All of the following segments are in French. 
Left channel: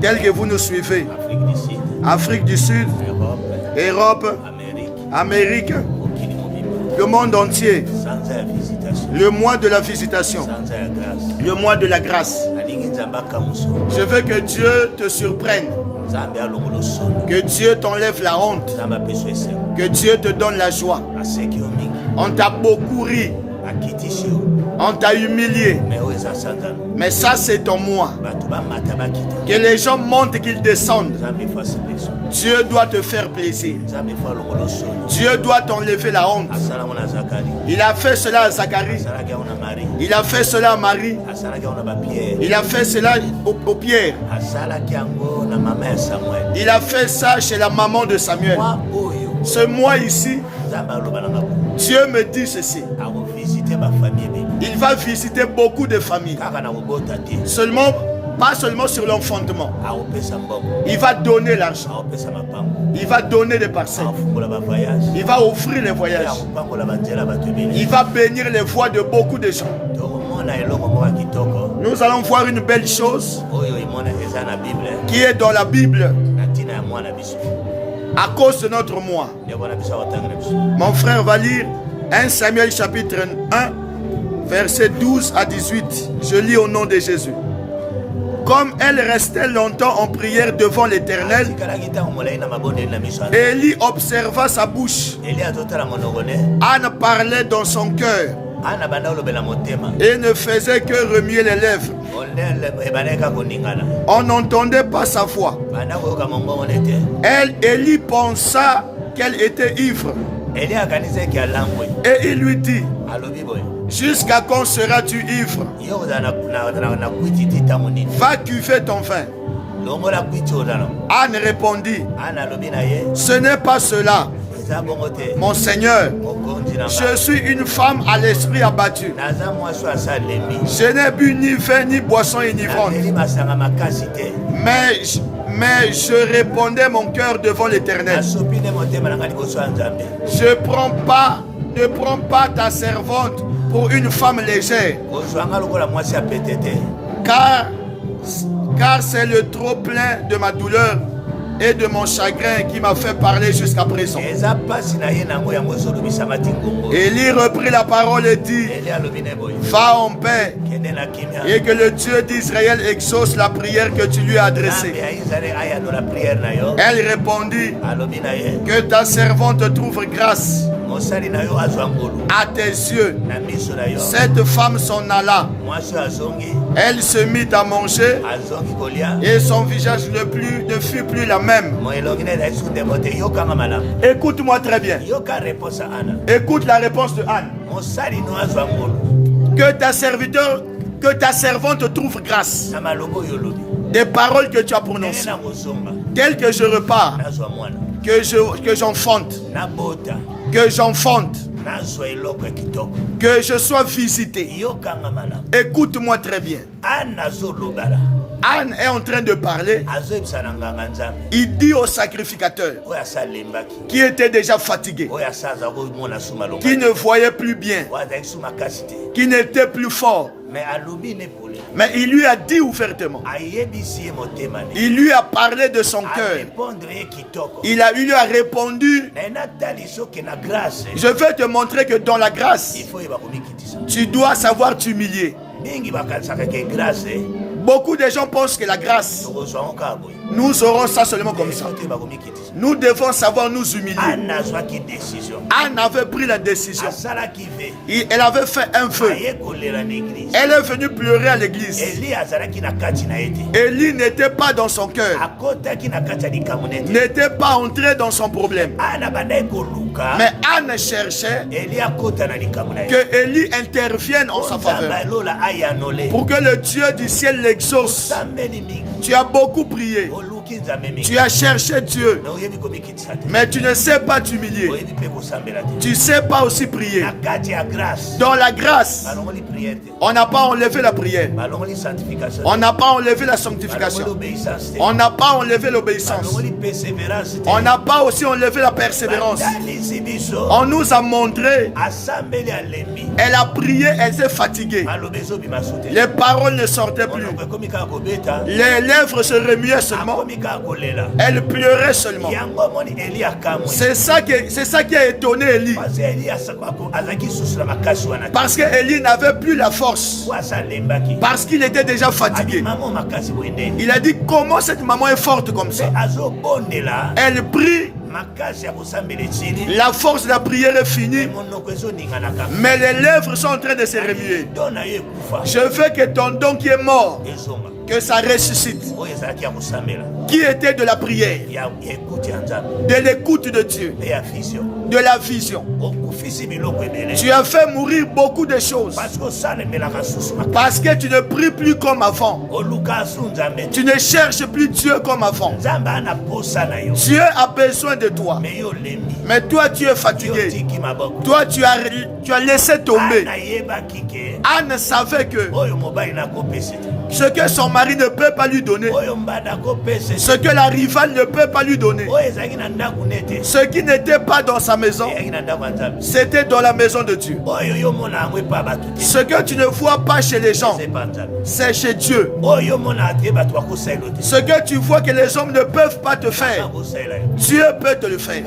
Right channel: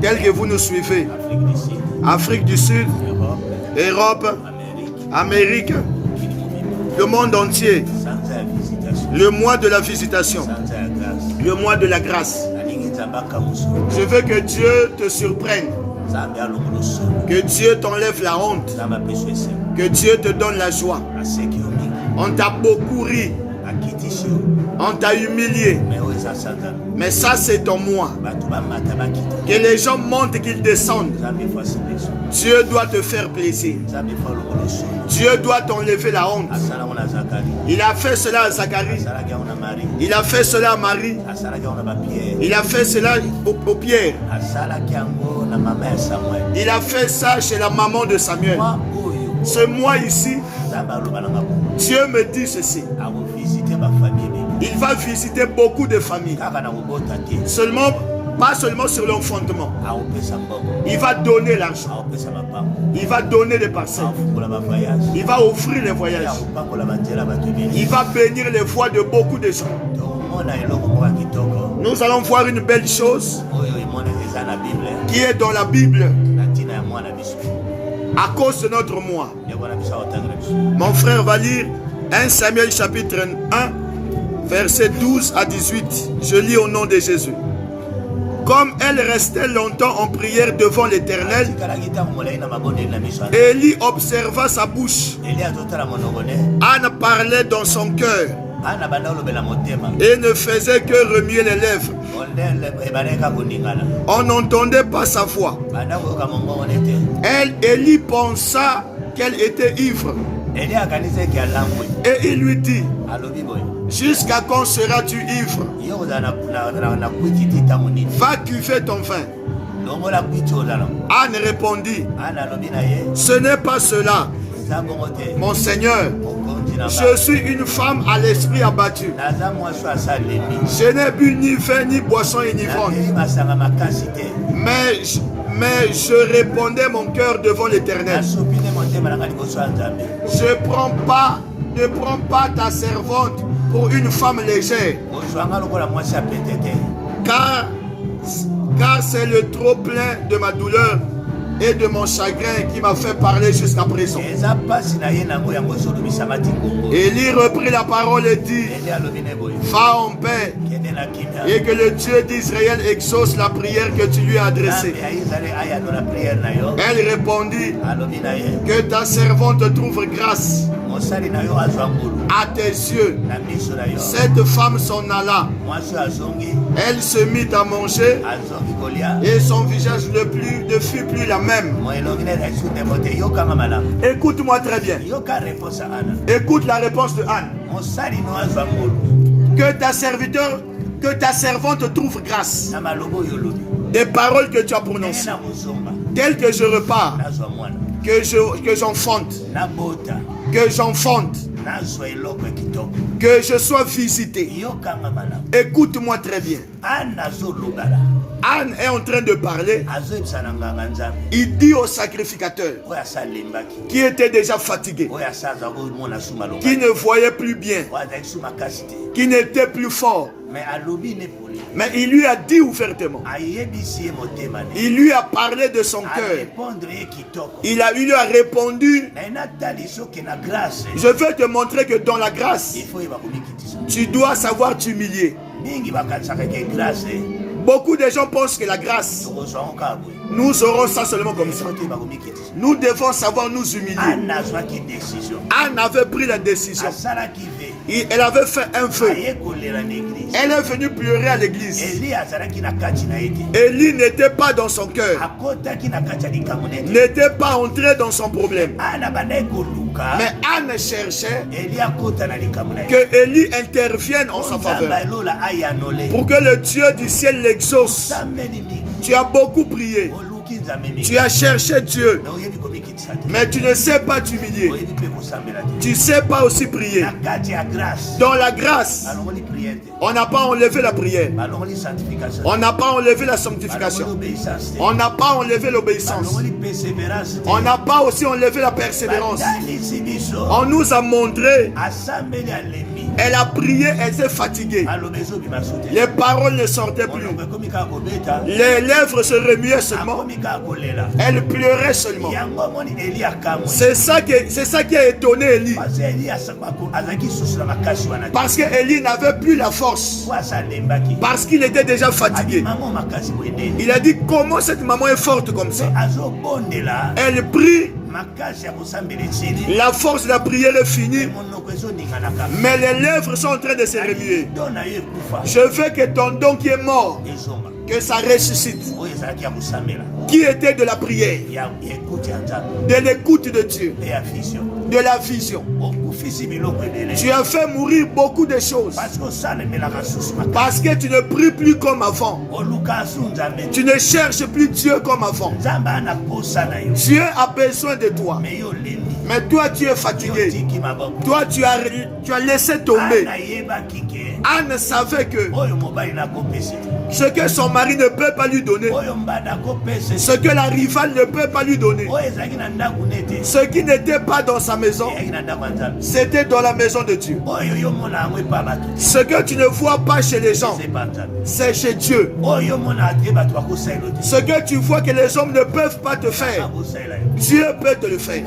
tel que vous nous suivez. Afrique du Sud, Europe, Amérique, le monde entier. Le mois de la visitation, le mois de la grâce. Je veux que Dieu te surprenne, que Dieu t'enlève la honte, que Dieu te donne la joie. On t'a beaucoup ri, on t'a humilié, mais ça c'est ton mois. Que les gens montent et qu'ils descendent. Dieu doit te faire plaisir. Dieu doit t'enlever la honte. Il a fait cela à Zacharie. Il a fait cela à Marie. Il a fait cela au Pierre. Il a fait ça chez la maman de Samuel. Ce mois ici, Dieu me dit ceci. Il va visiter beaucoup de familles. Pas seulement sur l'enfantement. Il va donner l'argent. Il va donner des parcelles. Il va offrir les voyages. Il va bénir les voies de beaucoup de gens. Nous allons voir une belle chose qui est dans la Bible à cause de notre mois. Mon frère va lire 1 Samuel chapitre 1 verset 12 à 18. Je lis au nom de Jésus. Comme elle restait longtemps en prière devant l'Éternel, Élie observa sa bouche. Anne parlait dans son cœur et ne faisait que remuer les lèvres. On n'entendait pas sa voix. Élie pensa qu'elle était ivre. Et il lui dit: jusqu'à quand seras-tu ivre? Va cuver ton vin. Anne répondit: ce n'est pas cela, mon Seigneur. Je suis une femme à l'esprit abattu. Je n'ai bu ni vin ni boisson enivrante. Mais je répondais mon cœur devant l'Éternel. Ne prends pas ta servante pour une femme légère, car c'est le trop plein de ma douleur et de mon chagrin qui m'a fait parler jusqu'à présent. Élie reprit la parole et dit: va en paix, et que le Dieu d'Israël exauce la prière que tu lui as adressée. Elle répondit: que ta servante trouve grâce à tes yeux. Cette femme s'en alla. Elle se mit à manger et son visage ne fut plus la même. Écoute-moi très bien. Écoute la réponse de Anne. Que ta servante trouve grâce des paroles que tu as prononcées, telles que je repars, que j'enfante, que je sois visité. Écoute-moi très bien. Anne est en train de parler. Il dit au sacrificateur, qui était déjà fatigué, qui ne voyait plus bien, qui n'était plus fort, mais il lui a dit ouvertement. Il lui a parlé de son cœur. Il lui a répondu: je vais te montrer que dans la grâce, tu dois savoir t'humilier. Beaucoup de gens pensent que la grâce, nous aurons ça seulement comme ça. Nous devons savoir nous humilier. Anne avait pris la décision. Elle avait fait un feu. Elle est venue pleurer à l'église. Élie n'était pas dans son cœur, n'était pas entré dans son problème. Mais Anne cherchait que Élie intervienne en sa faveur, pour que le Dieu du ciel l'exauce. Tu as beaucoup prié, Tu as cherché Dieu, mais tu ne sais pas t'humilier. Tu ne sais pas aussi prier. Dans la grâce, on n'a pas enlevé la prière. On n'a pas enlevé la sanctification. On n'a pas enlevé l'obéissance. On n'a pas aussi enlevé la persévérance. On nous a montré. Elle a prié, elle s'est fatiguée. Les paroles ne sortaient plus. Les lèvres se remuaient seulement. Elle pleurait seulement. C'est ça qui a étonné Élie. Parce que Élie n'avait plus la force. Parce qu'il était déjà fatigué. Il a dit, comment cette maman est forte comme ça? Elle prie. La force de la prière est finie, mais les lèvres sont en train de se remuer. Je veux que ton don qui est mort, que ça ressuscite. Qui était de la prière, de l'écoute de Dieu, de la vision. Tu as fait mourir beaucoup de choses parce que tu ne pries plus comme avant. Tu ne cherches plus Dieu comme avant. Dieu a besoin de toi, mais toi tu es fatigué. Toi tu as laissé tomber. Anne savait que ce que son mari ne peut pas lui donner, ce que la rivale ne peut pas lui donner, ce qui n'était pas dans sa maison, c'était dans la maison de Dieu. Ce que tu ne vois pas chez les gens, c'est chez Dieu. Ce que tu vois que les hommes ne peuvent pas te faire, Dieu peut te le faire.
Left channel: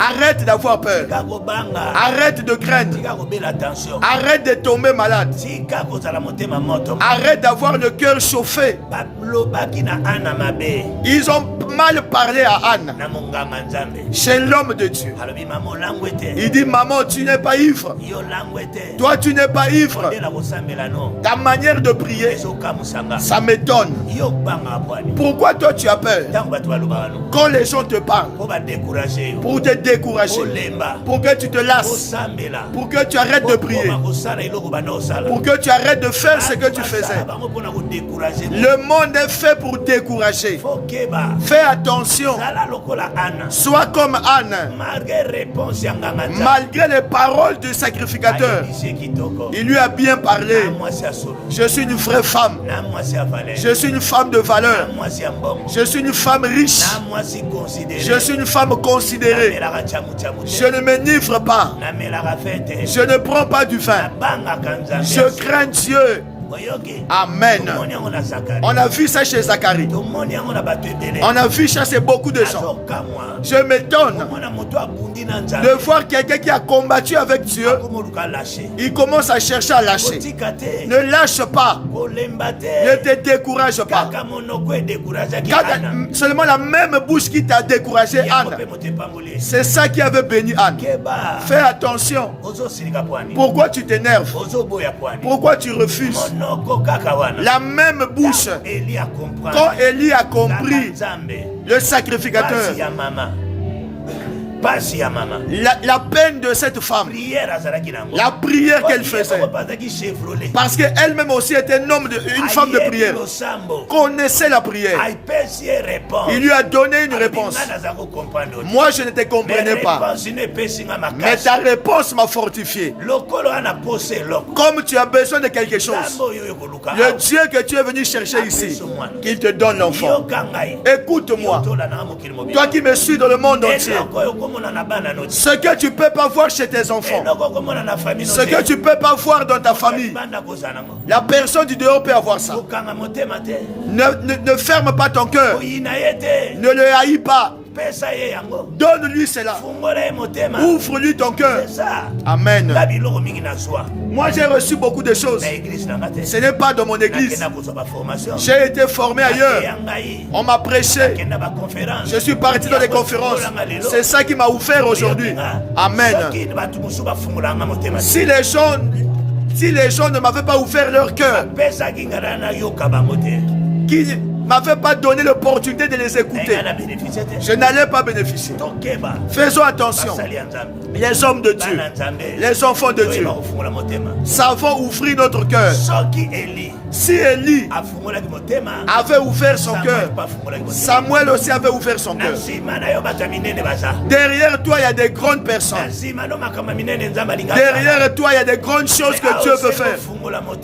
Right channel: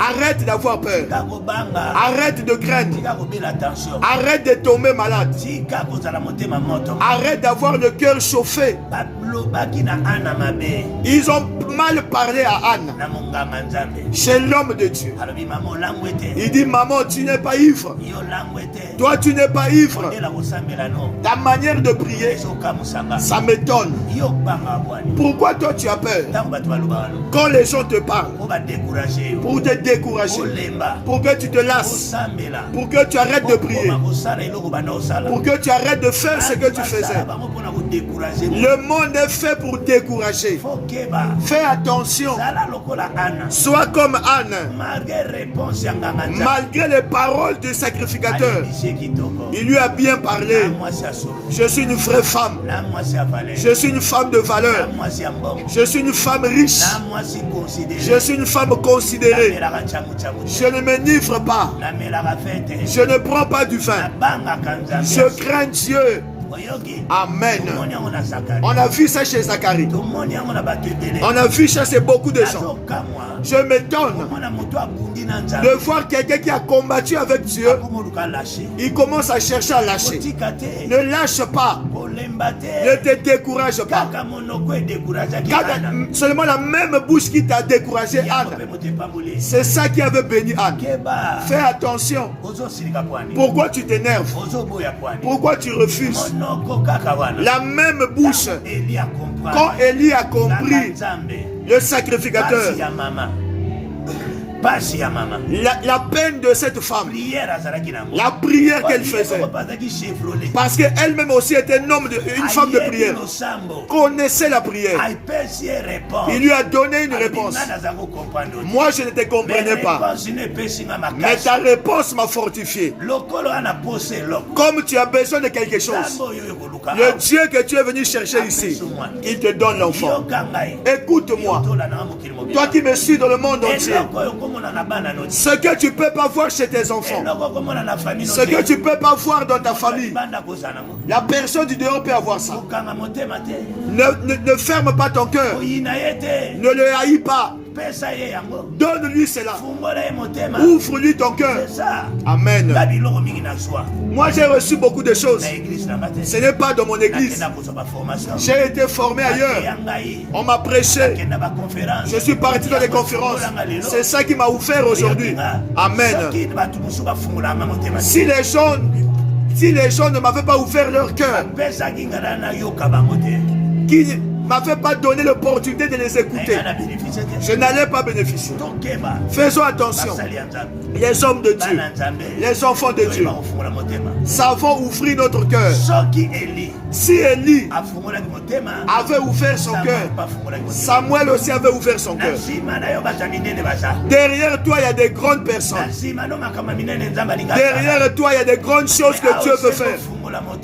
Arrête d'avoir peur. Arrête de craindre. Arrête de tomber malade. Arrête d'avoir le cœur chauffé. Ils ont mal parlé à Anne, chez l'homme de Dieu. Il dit, maman, tu n'es pas ivre. Toi, tu n'es pas ivre. Ta manière de prier, ça m'étonne. Pourquoi toi, tu as peur? Quand les gens te parlent, pour te décourager, pour que tu te lasses, pour que tu arrêtes de prier, pour que tu arrêtes de faire ce que tu faisais. Le monde est fait pour décourager. Fais attention. Sois comme Anne. Malgré les paroles du sacrificateur, il lui a bien parlé. Je suis une vraie femme. Je suis une femme de valeur. Je suis une femme riche. Je suis une femme considérée. Je ne m'enivre pas. Je ne prends pas du vin. Je crains Dieu. Amen. On a vu ça chez Zacharie. On a vu ça chez beaucoup de gens. Je m'étonne de voir quelqu'un qui a combattu avec Dieu. Il commence à chercher à lâcher. Ne lâche pas. Ne te décourage pas. Seulement la même bouche qui t'a découragé, Anne, c'est ça qui avait béni Anne. Fais attention. Pourquoi tu t'énerves? Pourquoi tu refuses? La même bouche, quand Élie a compris, le sacrificateur, la peine de cette femme, la prière qu'elle faisait, parce qu'elle-même aussi était une femme de prière, connaissait la prière. Il lui a donné une réponse. Moi je ne te comprenais pas, mais ta réponse m'a fortifié. Comme tu as besoin de quelque chose, le Dieu que tu es venu chercher ici, qu'il te donne l'enfant. Écoute-moi, toi qui me suis dans le monde entier, ce que tu ne peux pas voir chez tes enfants, ce que tu ne peux pas voir dans ta famille, la personne du dehors peut avoir ça. Ne ferme pas ton cœur. Ne le haïs pas. Donne-lui cela. Ouvre-lui ton cœur. Amen. Moi j'ai reçu beaucoup de choses. Ce n'est pas dans mon église. J'ai été formé ailleurs. On m'a prêché. Je suis parti dans les conférences. C'est ça qui m'a ouvert aujourd'hui. Amen. Si les gens ne m'avaient pas ouvert leur cœur, qui ne m'avaient pas donné l'opportunité de les écouter, je n'allais pas bénéficier. Faisons attention. Les hommes de Dieu, les enfants de Dieu, savons ouvrir notre cœur. Si Élie avait ouvert son cœur, Samuel aussi avait ouvert son cœur. Derrière toi, il y a des grandes personnes. Derrière toi, il y a des grandes choses que Dieu veut faire.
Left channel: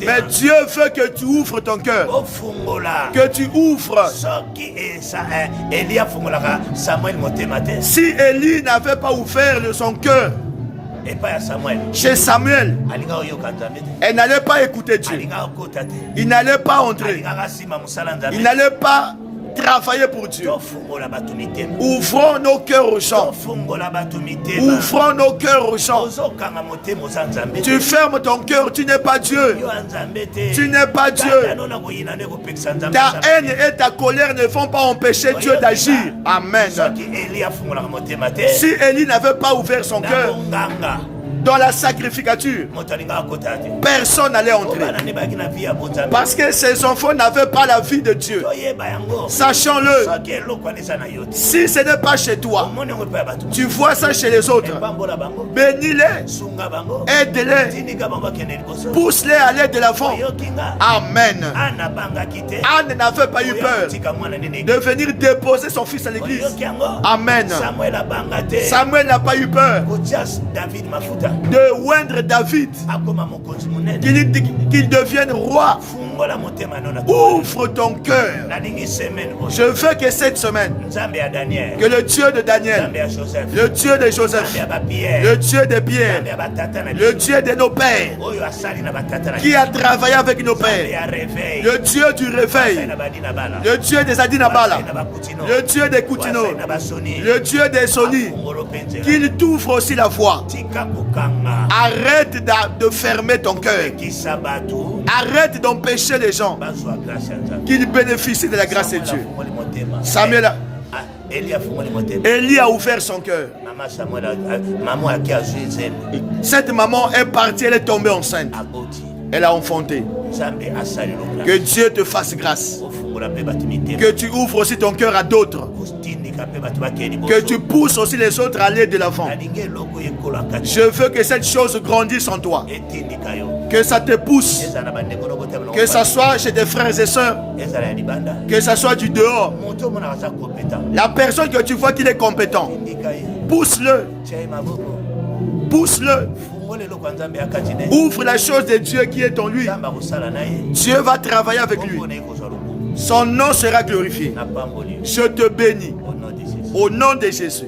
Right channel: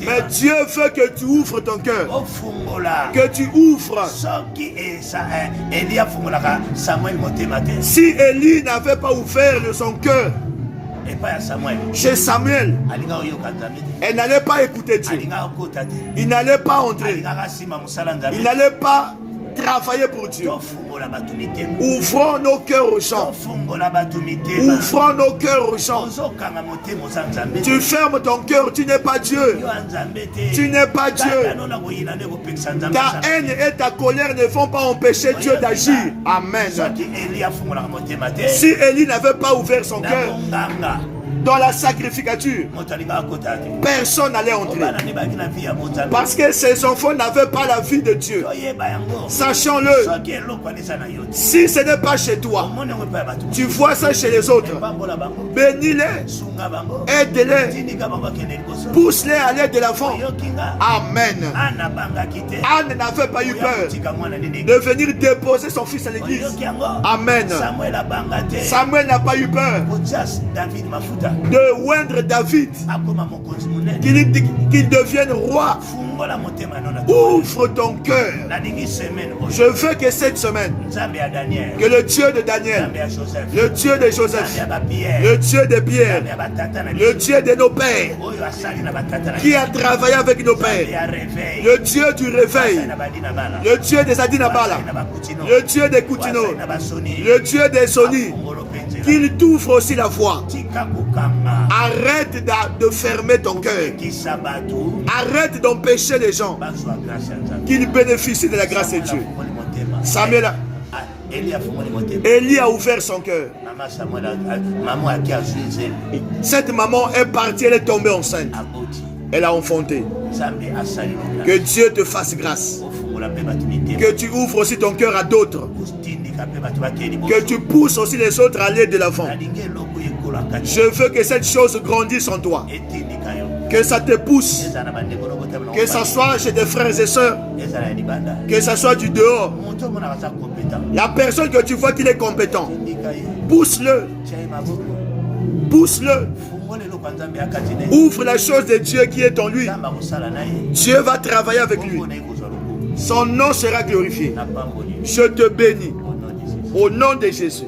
Mais Dieu veut que tu ouvres ton cœur. Que tu ouvres. Si Élie n'avait pas ouvert son cœur chez Samuel, elle n'allait pas écouter Dieu. Il n'allait pas entrer. Il n'allait pas travailler pour Dieu. Ouvrons nos cœurs aux gens. Ouvrons nos cœurs aux gens. Tu fermes ton cœur, tu n'es pas Dieu. Tu n'es pas Dieu. Ta haine et ta colère ne vont pas empêcher Dieu d'agir. Amen. Si Élie n'avait pas ouvert son cœur dans la sacrificature, personne n'allait entrer. Parce que ses enfants n'avaient pas la vie de Dieu. Sachons-le. Si ce n'est pas chez toi, tu vois ça chez les autres. Bénis-les. Aide-les. Pousse-les à aller de l'avant. Amen. Anne n'avait pas eu peur de venir déposer son fils à l'église. Amen. Samuel n'a pas eu peur de oindre David, qu'il devienne roi. Ouvre ton cœur. Je veux que cette semaine, que le Dieu de Daniel, le Dieu de Joseph, le Dieu de Pierre, le Dieu de nos pères, qui a travaillé avec nos pères, le Dieu du réveil, le Dieu des Adinabala, le Dieu des Koutino, le Dieu des Soni, qu'il t'ouvre aussi la voie. Arrête de fermer ton cœur. Arrête d'empêcher les gens qu'ils bénéficient de la grâce de Dieu. Samuel, Élie a ouvert son cœur. Cette maman est partie, elle est tombée enceinte. Elle a enfanté. Que Dieu te fasse grâce. Que tu ouvres aussi ton cœur à d'autres. Que tu pousses aussi les autres à aller de l'avant. Je veux que cette chose grandisse en toi. Que ça te pousse. Que ça soit chez tes frères et sœurs. Que ça soit du dehors. La personne que tu vois qu'il est compétent, pousse-le. Pousse-le. Ouvre la chose de Dieu qui est en lui. Dieu va travailler avec lui. Son nom sera glorifié. Je te bénis. Au nom de Jésus.